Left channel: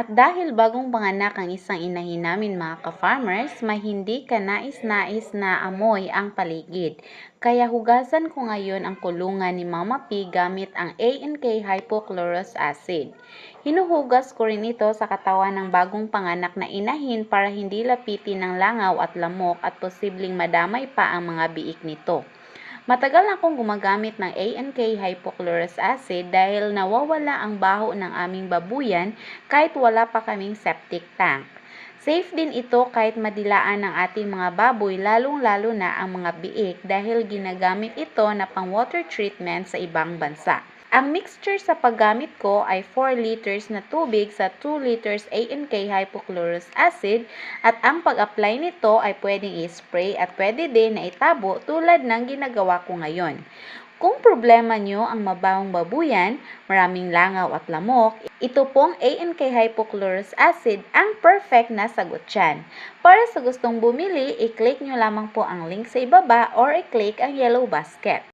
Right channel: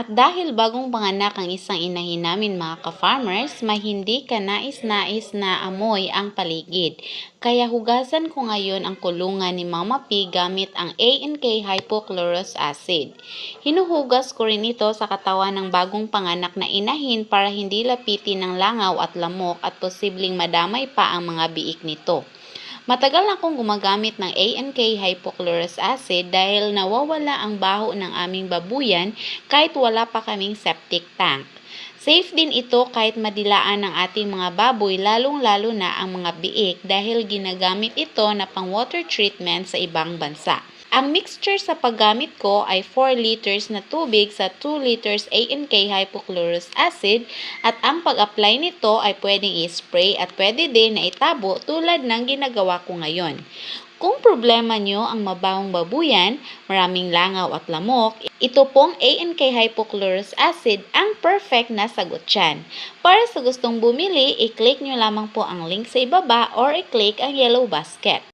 At dahil bagong panganak ang isang inahin namin mga ka-farmers, may hindi ka nais-nais na amoy ang paligid. Kaya hugasan ko ngayon ang kulungan ni Mama P gamit ang A&K hypochlorous acid. Hinuhugas ko rin ito sa katawan ng bagong panganak na inahin para hindi lapitin ng langaw at lamok at posibleng madamay pa ang mga biik nito. Matagal na akong gumagamit ng A&K hypochlorous acid dahil nawawala ang baho ng aming babuyan kahit wala pa kaming septic tank. Safe din ito kahit madilaan ng ating mga baboy lalong-lalo na ang mga biik dahil ginagamit ito na pang water treatment sa ibang bansa. Ang mixture sa paggamit ko ay 4 liters na tubig sa 2 liters A&K hypochlorous acid at ang pag-apply nito ay pwedeng i-spray at pwede din na itabo tulad ng ginagawa ko ngayon. Kung problema nyo ang mabahong babuyan, maraming langaw at lamok, ito pong A&K hypochlorous acid ang perfect na sagot dyan. Para sa gustong bumili, i-click nyo lamang po ang link sa ibaba or i-click ang yellow basket.